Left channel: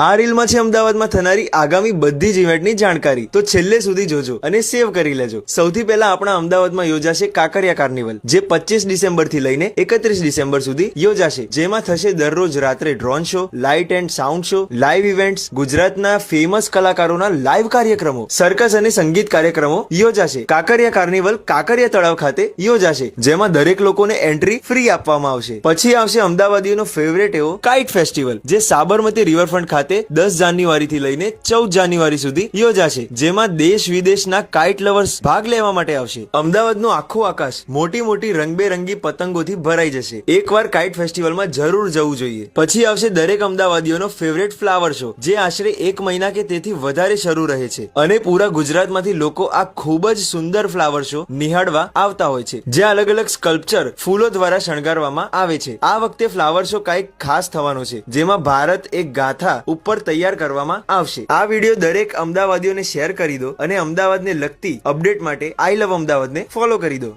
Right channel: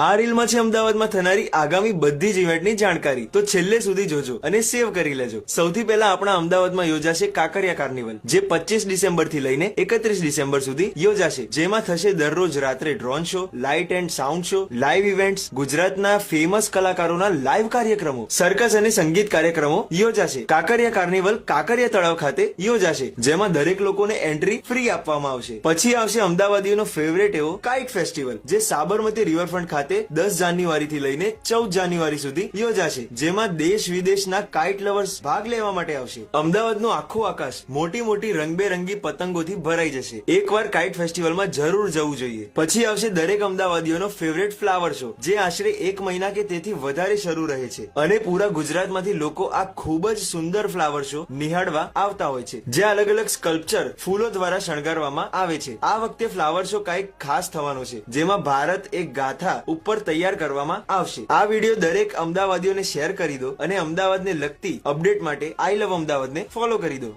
આ રીલમાં છે અમદાવાદમાં થનારી આગામી બધી જ ઇવેન્ટની જાણકારી, તો છેલ્લે સુધી જોજો અને સેવ કરી લેજો. સૌથી પહેલા આપણા અમદાવાદમાં યોજાશે કાંકરિયા કાર્નિવલ, જે 25 ડિસેમ્બરથી લઈને 31 ડિસેમ્બર સુધી યોજાશે. જેમાં થશે દરરોજ રાત્રે drone show, light and sound show, live events, ગુજરાતના ફેમસ કલાકારોના લાઇવ કાર્યક્રમો, સર્કસ અને સંગીત કાર્યક્રમો યોજાશે. કાંકરિયા કાર્નિવલ કાંકરિયા તળાવ ખાતે યોજાશે, જેમાં દરેક લોકોને એન્ટ્રી ફ્રી આપવામાં આવશે. પછી આવશે અમદાવાદીઓનો ફેવરેટ એવો કાઇટ ફેસ્ટિવલ, જે સાબરમતી રિવરફ્રન્ટ ખાતે 10 જાન્યુઆરીથી લઈને 14 જાન્યુઆરી સુધી યોજાશે. જેમાં દેશ વિદેશના કાઇટ લવર્સ ભાગ લેવા માટે આવશે. અમદાવાદનું આખું આકાશ મોટી મોટી રંગબેરંગી પતંગોથી ભરાઈ જશે. એકવાર કાઇટ ફેસ્ટિવલમાં જરૂર જવું જોઈએ. પછી આવશે દરેક અમદાવાદીઓનો ફેવરેટ ફ્લાવર શો, જે આશરે 1 મહિના કે તેથી વધારે શરૂ રહે છે. અને પૂરા ગુજરાતમાંથી લોકો આ ખૂબ જ સુંદર ફ્લાવર શો નિહાળવા આવતા હોય છે, જ્યાં અલગ અલગ સ્કલ્પચર ફૂલો દ્વારા શણગારવામાં આવે છે. આ વખતે ફ્લાવર શો કંઈક ખાસ થવાનો છે, જેમાં ભારત એક ગાથા ઉપર તૈયાર કરવામાં આવશે. આ વિડીયો દરેક અમદાવાદીઓને શેર કરી દો અને અમદાવાદને લગતી અપડેટ માટે આઈ લવ અમદાવાદને ફોલો કરી દો.